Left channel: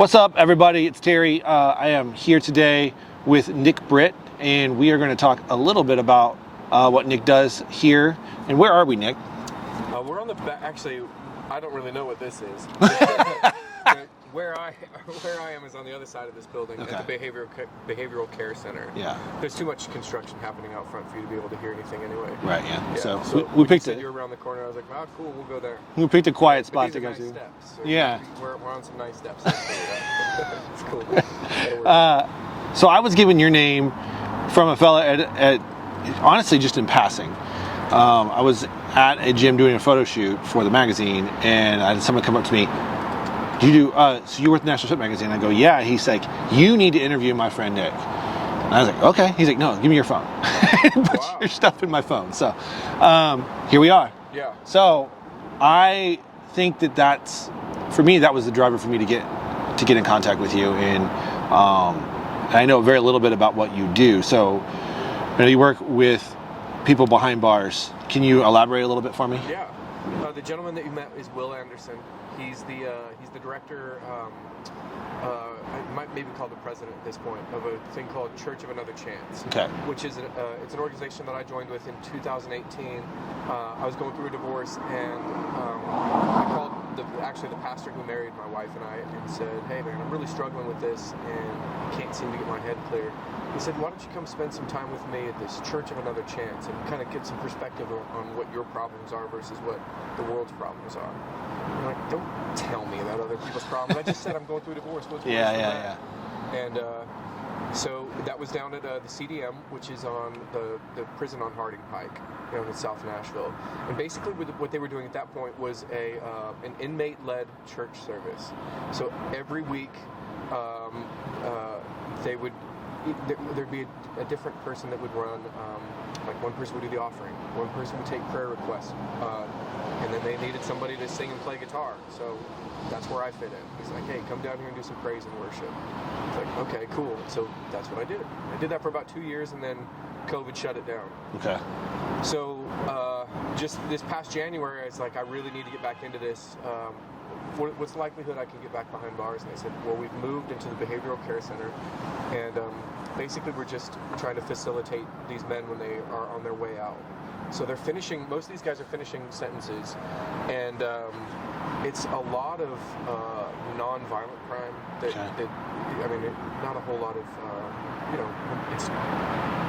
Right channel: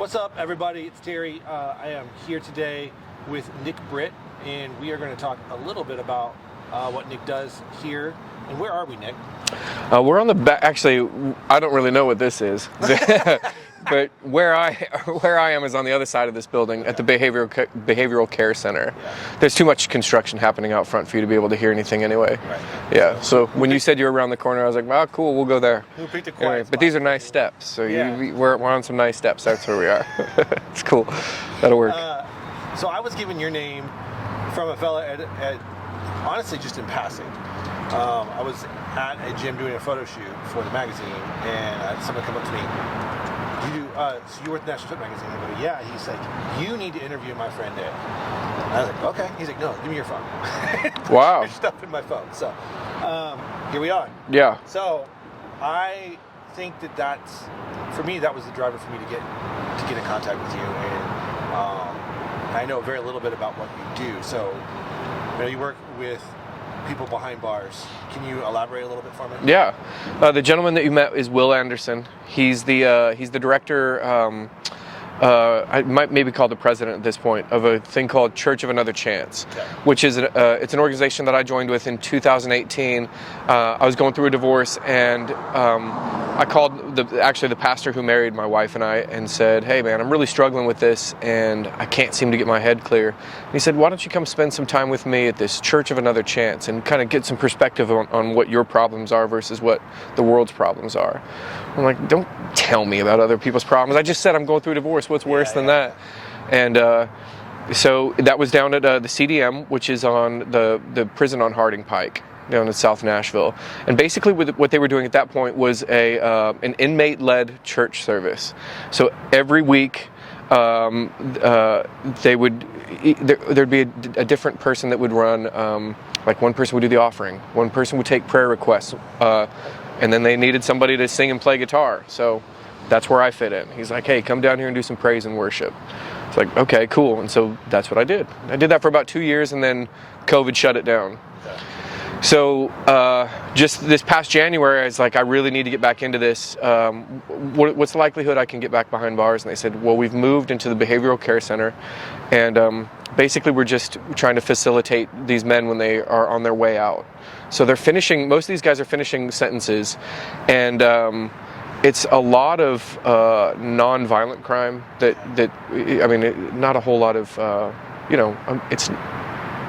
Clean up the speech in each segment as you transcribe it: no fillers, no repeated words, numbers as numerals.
What's up, everybody? It's Terry. I am here today with Nick Britt, and we are going to talk a little bit about what Nick does here. And where are we, Nick? We're on the back. Actually, I don't really know what this is, but where I am is on the other side of this building, okay, at the behavioral care center. Yeah. There's too much construction happening out front for you to be able to hear anything anyway. Right. Yeah. So when you said you were around the corner, I was like, "Oh, cool, we'll go there." We picked a quiet spot. But these are nice steps, so yeah, we're on some nice steps. That's where we are. It's cool. That'll work. So I was given your name from a fella at honestly just in passing. I was at a gym doing a photo shoot for the magazine, and I had someone come up to me. So you work at Nashville magazine? I go, yeah. He's like, you need to interview my friend Nick. And I was like, okay. He's like, no, give me your phone. Put wow. your stuff in my phone. So here we are. Yeah. So I think that's, for me, that was the driver for me to get in contact with you. And I know very little bit about what you do. So I know you work with people behind bars. Can you elaborate a little bit for me? Yeah. The gentleman that you met is Will Anderson. He's the director, I might maybe call the president at this point, of a thing called Church of Another Chance, okay, which is it's an organization that I joined with in 2018. I was going through a divorce, and I called the pastor who married my wife and I and said, hey man, I'm really struggling with this and I can't seem to get my head clear. And he said, why don't you come spend some time with me at this Church of Another Chance and kind of get some perspective on what your problems are versus what the world's problems are. I'm like, don't tell me about other people's problems. I just said I'm going through a divorce. What's worse than that? And so that was down at the CDM, which is on the prison on Harding Pike, down in South Nashville. And basically what they were doing at that point was an inmate-led church service. So every week there'd be a different person that would run, like one person would do the offering, one person would take prayer requests, and then they needed somebody to sing and play guitar. So that's where I fit in. He's like, hey, come down here and do some praise and worship. It's like, okay, cool. And so that's what I did. I did that for about 2 years, and then COVID shut it down. Okay. So just this past January, I was like, I really need to get back into this. What's the likelihood I can get back behind bars? And they said, well, we've moved into the behavioral care center, and basically we're just trying to facilitate these men when they are on their way out. So they're finishing, most of these guys are finishing sentences, and it's a lot of non-violent crime that I mean, not a whole lot of,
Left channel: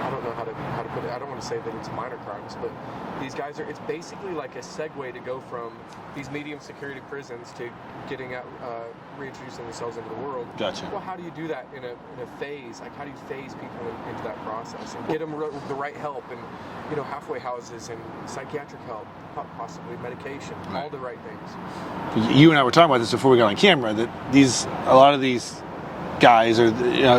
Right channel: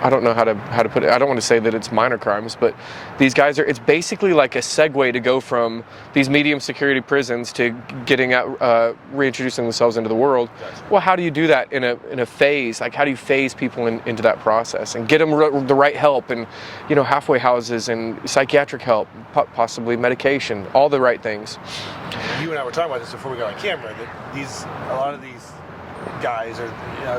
I don't know how to put it. I don't want to say that it's minor crimes, but these guys it's basically like a segue to go from these medium security prisons to getting out, reintroducing themselves into the world. Gotcha. Well, how do you do that in a phase? Like, how do you phase people into that process and get them the right help and, halfway houses and psychiatric help, possibly medication, all the right things. You and I were talking about this before we got on camera, that a lot of these guys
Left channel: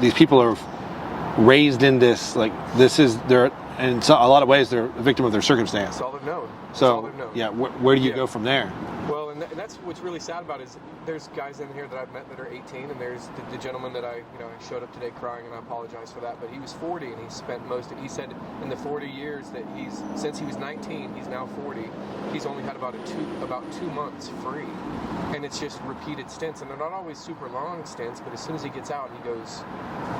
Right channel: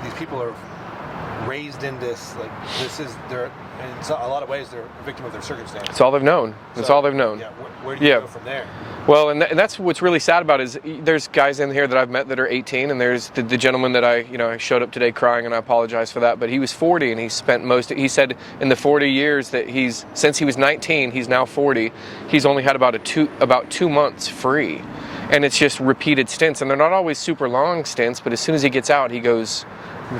these people are raised in this, like, this is their, in a lot of ways they're a victim of their circumstance. It's all they've known. It's all they've known. Yeah. Where do you go from there? Well, and that's what's really sad about it is there's guys in here that I've met that are 18, and there's the gentleman that I showed up today crying, and I apologize for that, but he was 40, and he spent he said in the 40 years that since he was 19, he's now 40, he's only had about 2 months free. And it's just repeated stints, and they're not always super long stints, but as soon as he gets out, he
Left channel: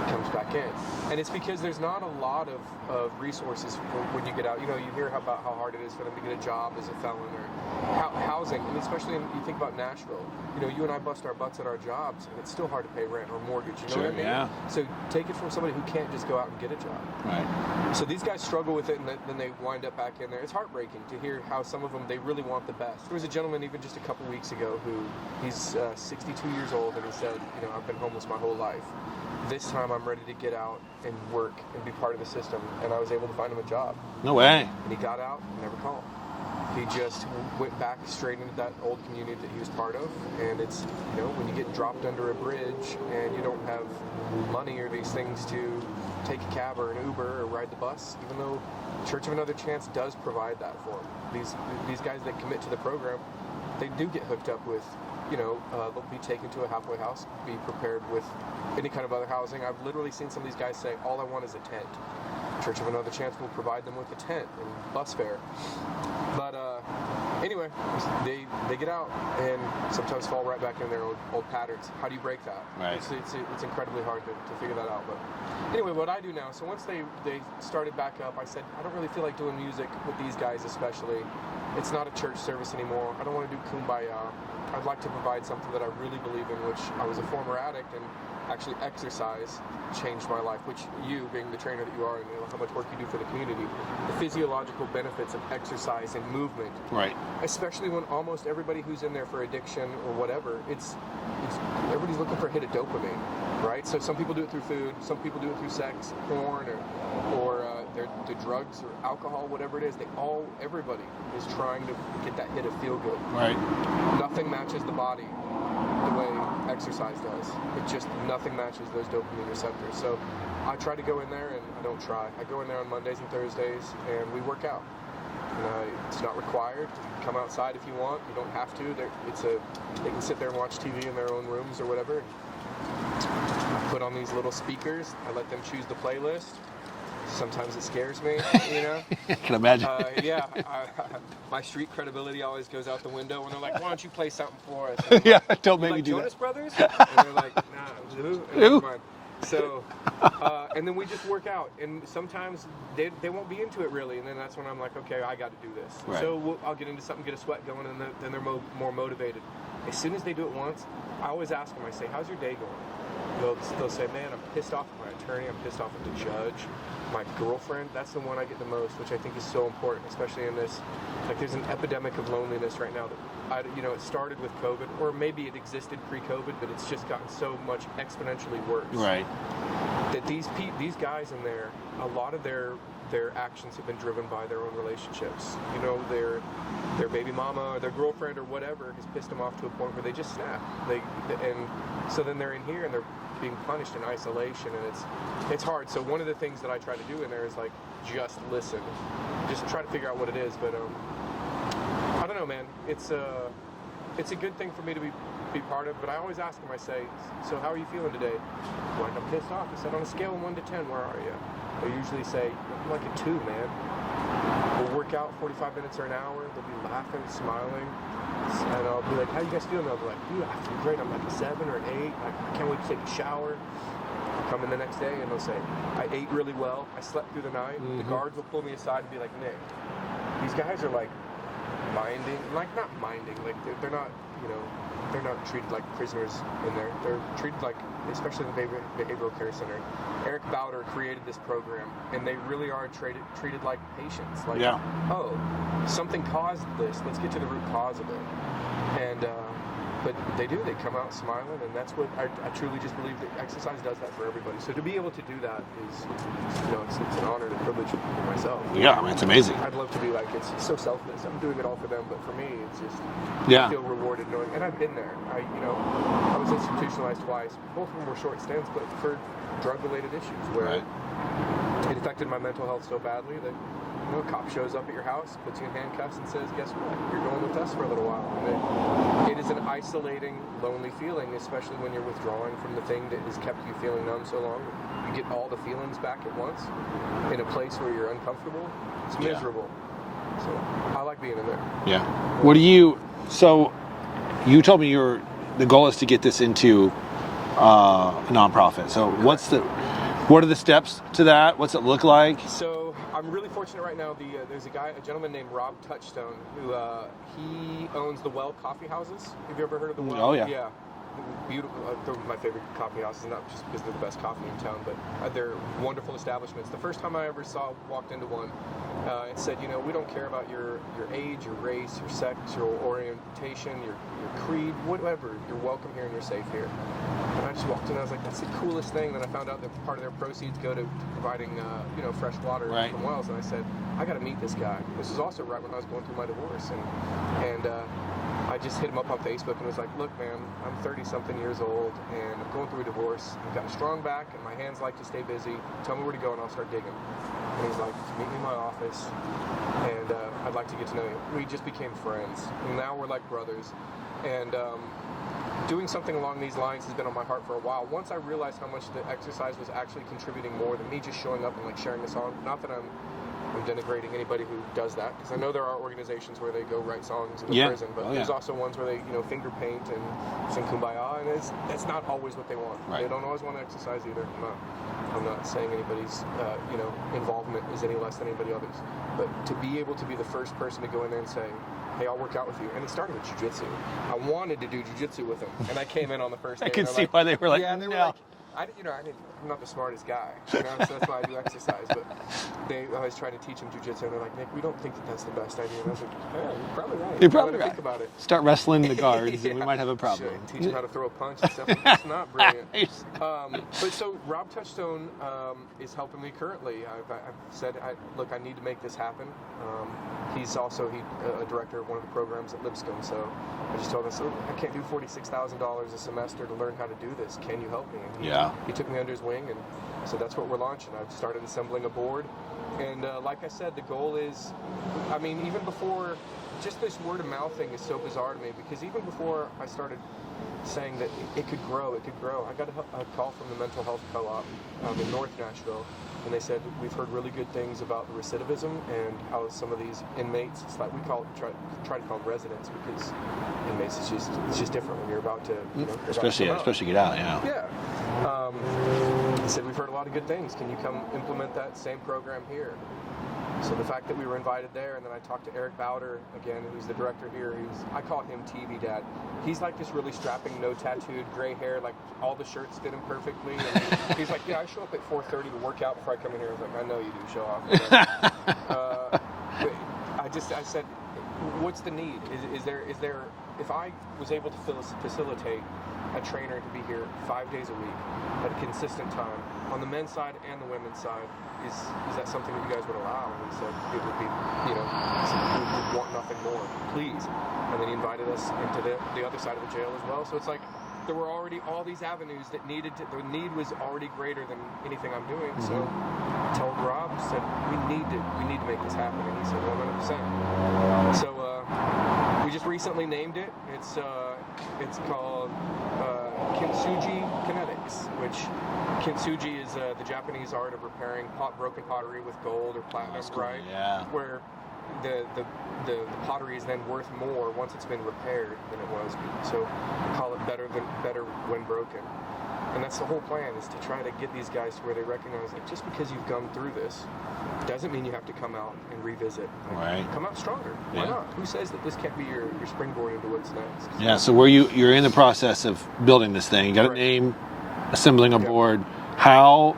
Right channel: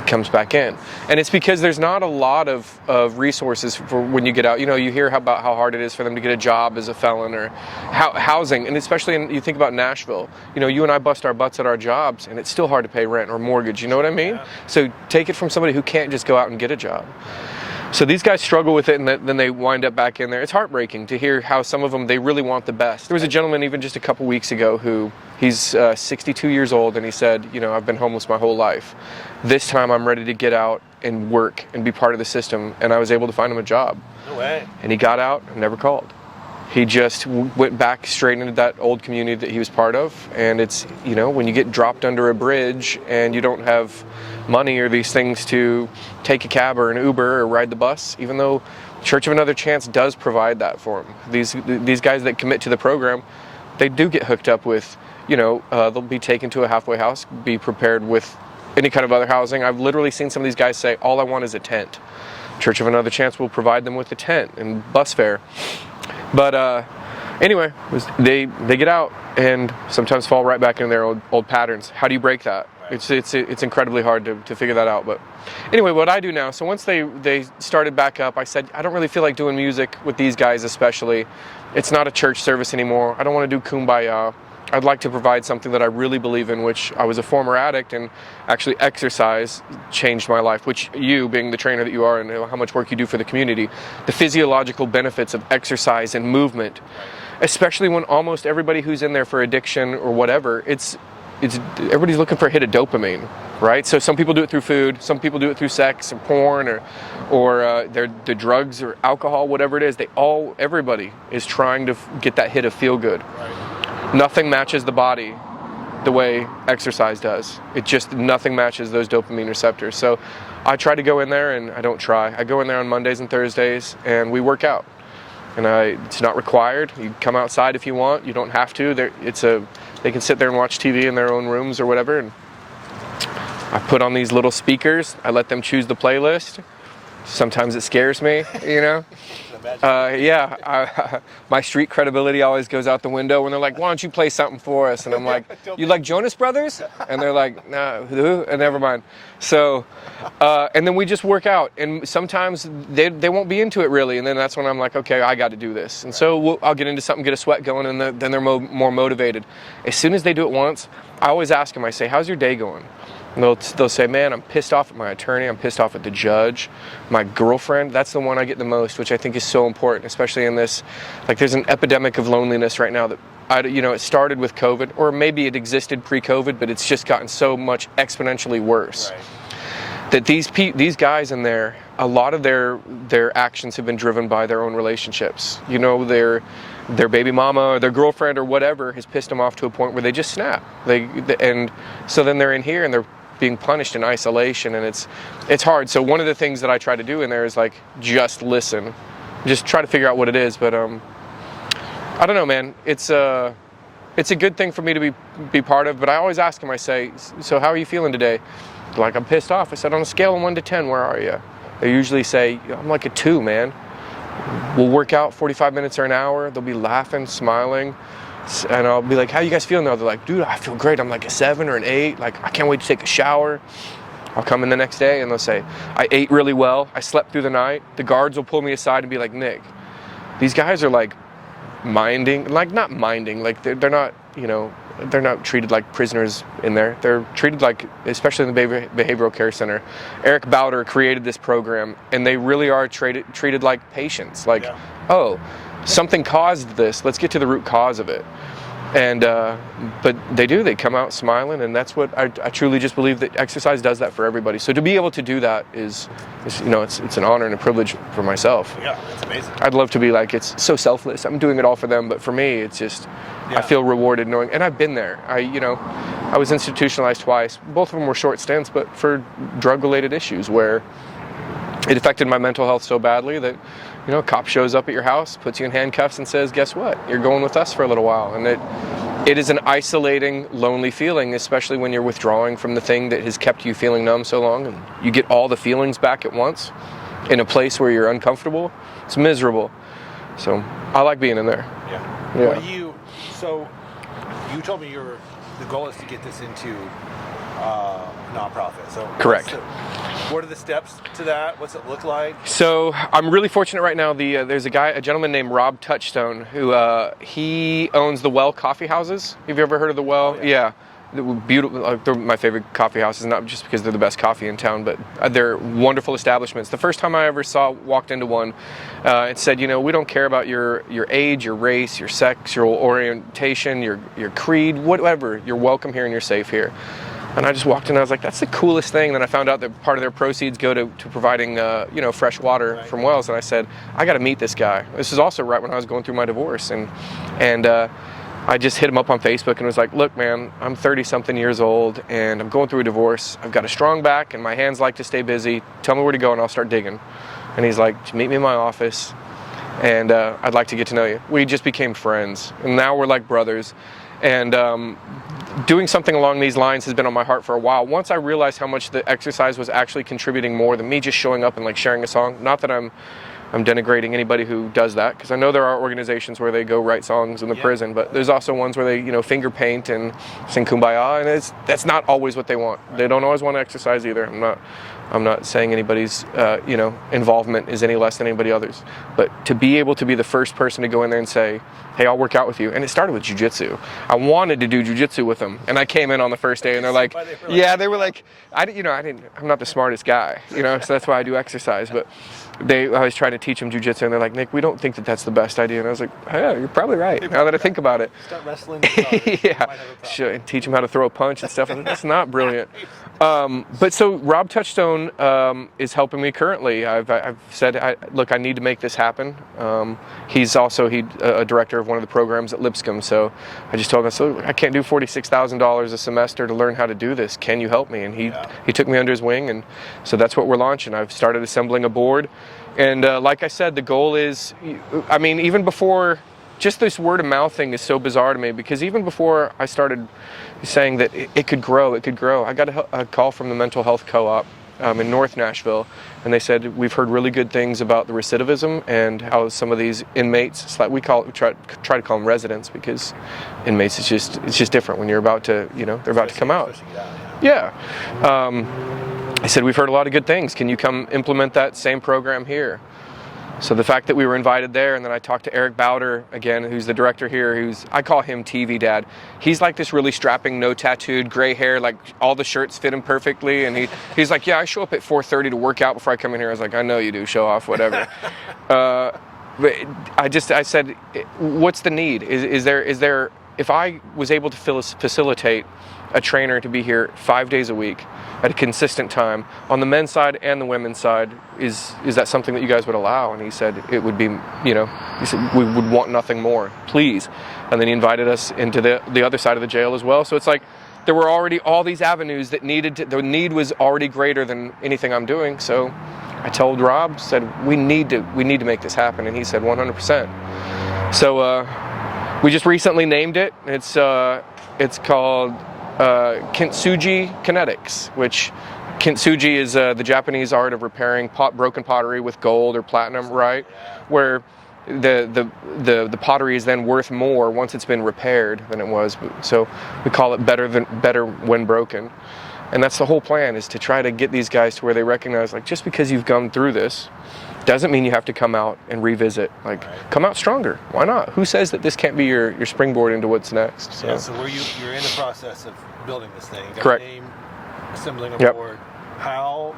comes back in. And it's because there's not a lot of resources for when you get out. You hear about how hard it is for them to get a job as a felon or housing, and especially you think about Nashville. You and I bust our butts at our jobs, and it's still hard to pay rent or mortgage. You know what I mean? Yeah. So take it from somebody who can't just go out and get a job. So these guys struggle with it, and then they wind up back in there. It's heartbreaking to hear how some of them, they really want the best. There was a gentleman even just a couple weeks ago he's 62 years old, and he said, I've been homeless my whole life. This time I'm ready to get out and work and be part of the system, and I was able to find him a job. No way. And he got out and never called. He just went back straight into that old community that he was part of, and it's, when you get dropped under a bridge and you don't have money or these things to take a cab or an Uber or ride the bus, even though Church of Another Chance does provide that for them. These guys that commit to the program, they do get hooked up with, they'll be taken to a halfway house, be prepared with any kind of other housing. I've literally seen some of these guys say, all I want is a tent. Church of Another Chance will provide them with a tent and bus fare. But Anyway, they get out and sometimes fall right back in their old patterns. How do you break that? Right. It's incredibly hard to figure that out. But anyway, what I do now, so once they started back up, I said, I don't really feel like doing music with these guys especially. It's not a church service anymore. I don't want to do kumbaya. I'd like to provide something that I really believe in, which I was a former addict, and actually exercise changed my life, which you, being the trainer that you are and how much work you do for the community, the physiological benefits of exercise and movement, Right. especially when almost everybody who's in there for addiction or whatever, it's everybody's looking for a hit of dopamine, right? So some people do it through food, some people do it through sex and porn or the drugs or alcohol, whatever it is. Everybody is trying to get that hit of feel good. Right. Nothing matches the body the way exercise does. Nothing matches those dopamine receptors. So I try to go in there, and I don't try. I go in there on Mondays and Thursdays, and we work out. And it's not required. You come outside if you want. You don't have to. They can sit there and watch TV in their own rooms or whatever. And I put on these little speakers. I let them choose the playlist. Sometimes it scares me, you know. I can imagine. My street credibility always goes out the window when they're like, "Why don't you play something for us?" And I'm like, "You like Jonas Brothers?" And they're like, "No, who?" And never mind. So, and then we just work out. And sometimes they won't be into it really. And then that's when I'm like, "Okay, I got to do this." And so I'll get into something, get a sweat going, and then they're more motivated. As soon as they do it once, I always ask them. I say, "How's your day going?" And they'll say, "Man, I'm pissed off at my attorney. I'm pissed off at the judge. My girlfriend." That's the one I get the most, which I think is so important, especially in this. Like, there's an epidemic of loneliness right now that it started with COVID, or maybe it existed pre-COVID, but it's just gotten so much exponentially worse. Right. That these guys in there, a lot of their actions have been driven by their own relationships. You know, their baby mama or their girlfriend or whatever has pissed them off to a point where they just snap. And so then they're in here and they're being punished in isolation, and it's hard. So one of the things that I try to do in there is like just listen, just try to figure out what it is. But I don't know, man. It's a good thing for me to be part of. But I always ask them. I say, "So how are you feeling today?" They're like, "I'm pissed off." I said, "On a scale of 1 to 10, where are you?" They usually say, "I'm like a 2, man." We'll work out 45 minutes or an hour. They'll be laughing, smiling. And I'll be like, "How you guys feeling now?" They're like, "Dude, I feel great. I'm like a 7 or an 8. Like, I can't wait to take a shower." I'll come in the next day and they'll say, "I ate really well. I slept through the night." The guards will pull me aside and be like, "Nick, these guys are like not minding. Like they're not, they're not treated like prisoners in there. They're treated like, especially in the behavioral care center. Eric Bowder created this program, and they really are treated like patients. Like, oh, something caused this. Let's get to the root cause of it." And but they come out smiling, and that's what I truly just believe that exercise does that for everybody. So to be able to do that is it's an honor and a privilege for myself. Yeah, it's amazing. I'd love to be like, it's so selfless. I'm doing it all for them, but for me, it's just I feel rewarded knowing. And I've been there. I was institutionalized twice. Both of them were short stints, but for drug-related issues where it affected my mental health so badly that a cop shows up at your house, puts you in handcuffs, and says, "Guess what? You're going with us for a little while." And it is an isolating, lonely feeling, especially when you're withdrawing from the thing that has kept you feeling numb so long, and you get all the feelings back at once in a place where you're uncomfortable. It's miserable. So I like being in there. Yeah. So you told me the goal is to get this into a nonprofit. So correct. What are the steps to that? What's it look like? So I'm really fortunate right now. There's a gentleman named Rob Touchstone who he owns the Well Coffee Houses. Have you ever heard of the Well? Oh, yeah. Beautiful. They're my favorite coffee houses, not just because they're the best coffee in town, but they're wonderful establishments. The first time I ever walked into one, it said, "We don't care about your age, your race, your sex, your orientation, your creed, whatever. You're welcome here and you're safe here." And I just walked in and I was like, that's the coolest thing. Then I found out that part of their proceeds go to providing, fresh water from wells. And I said, I got to meet this guy. This is also right when I was going through my divorce. And I just hit him up on Facebook and was like, "Look, man, I'm 30-something years old and I'm going through a divorce. I've got a strong back and my hands like to stay busy. Tell me where to go and I'll start digging." And he's like, "Meet me in my office and I'd like to get to know you." We just became friends. And now we're like brothers. And doing something along these lines has been on my heart for a while. Once I realized how much the exercise was actually contributing more than me just showing up and like sharing a song. Not that I'm I'm denigrating anybody who does that, because I know there are organizations where they go write songs in the prison, but there's also ones where they, finger paint and sing Kumbaya, and that's not always what they want. Right. They don't always want to exercise either. I'm not saying anybody's, involvement is any less than anybody else's, but to be able to be the first person to go in there and say, hey, I'll work out with you. And it started with jiu-jitsu. I wanted to do jiu-jitsu with them, and I came in on the first day, and they're like, they were like, I'm not the smartest guy, so that's why I do exercise. But I was trying to teach them jiu-jitsu, and they're like, Nick, we don't think that that's the best idea. And I was like, yeah, you're probably right. Now that I think about it. Start wrestling the guards. You might have a problem. Should teach them how to throw a punch and stuff. It's not brilliant. But so Rob Touchstone is helping me currently. I've said, look, I need to make this happen. He's also a director of one of the programs at Lipscomb. So I just told him, so I can't do $46,000 a semester to learn how to do this. Can you help me? And he took me under his wing, and so that's what we're launching. I've started assembling a board, and like I said, the goal is, even before, just this word of mouth thing is so bizarre to me, because even before I started saying that it could grow, I got a call from the mental health co-op in North Nashville, and they said, we've heard really good things about the recidivism and how some of these inmates, it's like we try to call them residents, because inmates, it's just different when you're about to, they're about to come out. Especially get out, Yeah. I said, we've heard a lot of good things. Can you come implement that same program here? So the fact that we were invited there, and then I talked to Eric Bowder, again, who's the director here, I call him TV Dad. He's like this really strapping, no tattooed, gray hair, like all the shirts fit him perfectly, and he's like, yeah, I show up at 4:30 to work out before I come in here. I was like, I know you do, show off, whatever. But I said, what's the need? Is there, if I was able to facilitate a trainer to be here 5 days a week at a consistent time on the men's side and the women's side, is that something that you guys would allow? And he said it would be, he said we would want nothing more, please. And then he invited us into the other side of the jail as well. So it's like there were already all these avenues that the need was already greater than anything I'm doing. So I told Rob, said we need to make this happen, and he said 100%. So we just recently named it. It's called Kintsugi Kinetics, which Kintsugi is the Japanese art of repairing broken pottery with gold or platinum, right? Yeah. Where the pottery is then worth more once it's been repaired than it was. So we call it better when broken. And that's the whole plan, is to try to get these guys to where they recognize, like, just because you've gone through this doesn't mean you have to come out and revisit. Come out stronger. Why not? Who says that this can't be your springboard into what's next? So. Yeah, so you're in the process of building this thing. You got a name, assembling a board. How,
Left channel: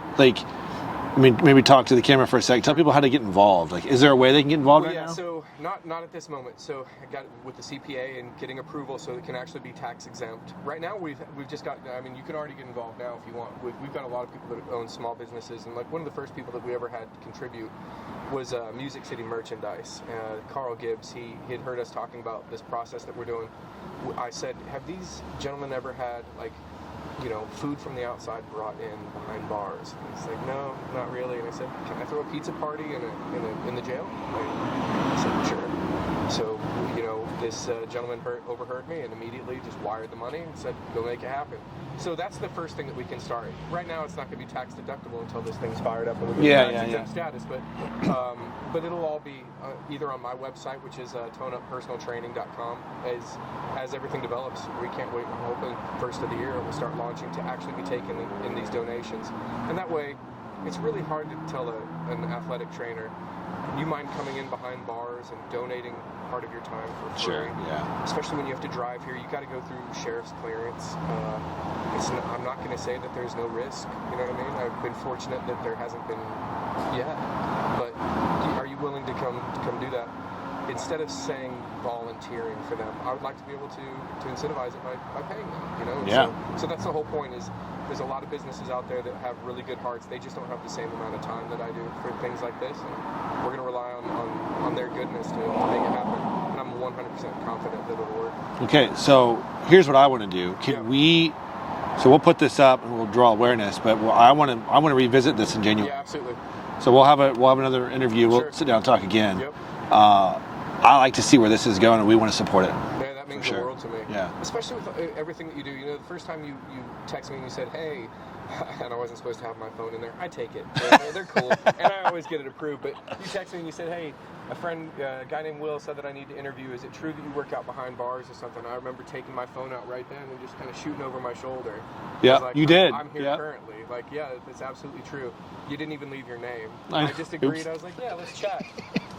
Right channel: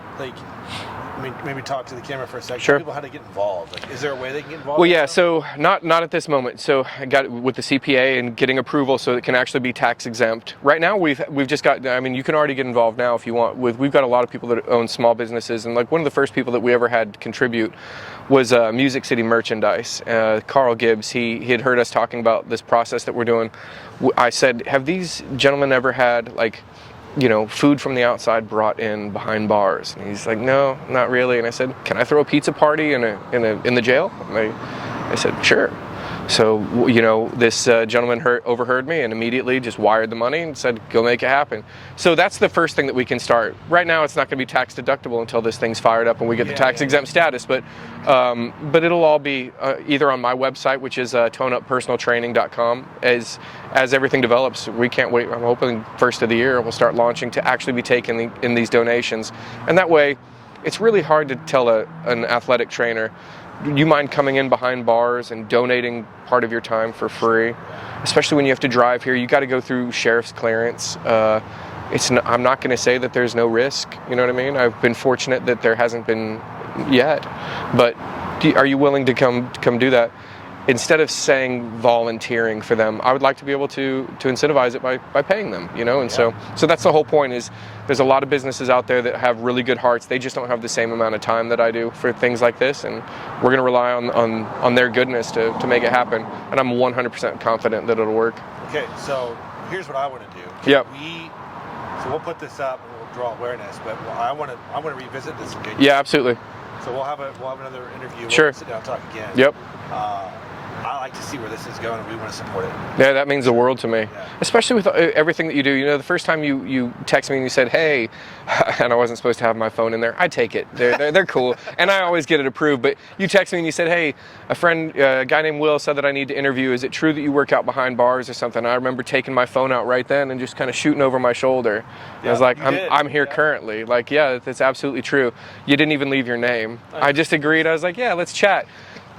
maybe talk to the camera for a second. Tell people how to get involved. Is there a way they can get involved? Well, yeah, so not at this moment. So I got with the CPA and getting approval so it can actually be tax exempt. Right now we've just got, you can already get involved now if you want. We've got a lot of people that own small businesses, and one of the first people that we ever had contribute was Music City Merchandise. Carl Gibbs, he had heard us talking about this process that we're doing. I said, have these gentlemen ever had food from the outside brought in behind bars? And he's like, no, not really. And I said, can I throw a pizza party in the jail? And I said, sure. So, this gentleman overheard me and immediately just wired the money and said, go make it happen. So that's the first thing that we can start. Right now, it's not going to be tax deductible until this thing's fired up and we get the tax exempt status. But it'll all be either on my website, which is toneuppersonaltraining.com. As everything develops, we can't wait. I'm hoping first of the year we'll start launching to actually be taken in these donations. And that way, it's really hard to tell an athletic trainer, you mind coming in behind bars and donating part of your time for free, especially when you have to drive here. You got to go through sheriff's clearance. I'm not going to say that there's no risk. You know what I mean? I've been fortunate that there hasn't been yet. But are you willing to come do that? Instead of saying volunteering for them, I would like to be able to incentivize it by paying them, And so that's the whole point. Is there's a lot of businesses out there that have really good hearts. They just don't have the same amount of time that I do for things like this, and we're going to rely on their goodness to make it happen. And I'm 100% confident that it'll work. Okay, so here's what I want to do. So we'll put this up and we'll draw awareness, but I want to revisit this in January. Yeah, absolutely. So we'll have another interview. We'll sit down and talk again. Yep. I like to see where this is going, and we want to support it. Yeah, that means the world to me. Yeah. Especially with everything that you do. You know, the first time you text me and you said, hey, and I wasn't supposed to have my phone in there, I take it. They're cool. And I always get it approved. But you text me and you said, hey, a guy named Will said that I need to interview. Is it true that you work out behind bars or something? I remember taking my phone out right then and just kind of shooting over my shoulder. Yeah, I was like, I'm here Yeah. currently. Like, yeah, that's absolutely true. You didn't even leave your name. Nice. I just agreed. Oops. I was like, yeah, let's chat.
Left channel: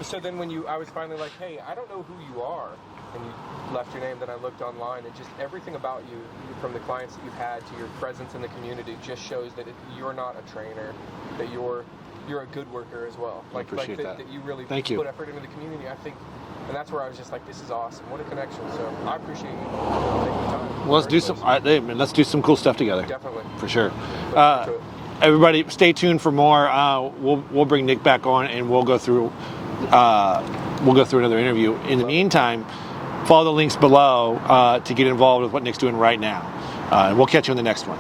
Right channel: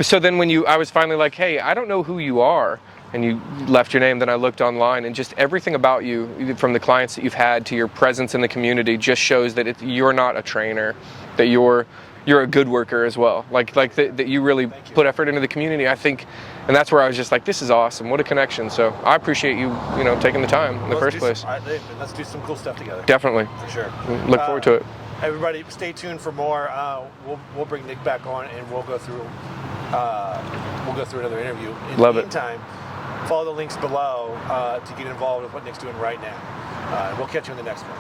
So then I was finally like, hey, I don't know who you are, and you left your name, then I looked online, and just everything about you, from the clients that you've had to your presence in the community, just shows that you're not a trainer, that you're a good worker as well. That you really put effort into the community, I think, and that's where I was just like, this is awesome. What a connection. So I appreciate you taking the time in the first place. Let's do some cool stuff together. Definitely. For sure. Look forward to it. Everybody, stay tuned for more. We'll bring Nick back on, and we'll go through another interview. In the meantime, follow the links below to get involved with what Nick's doing right now. And we'll catch you in the next one.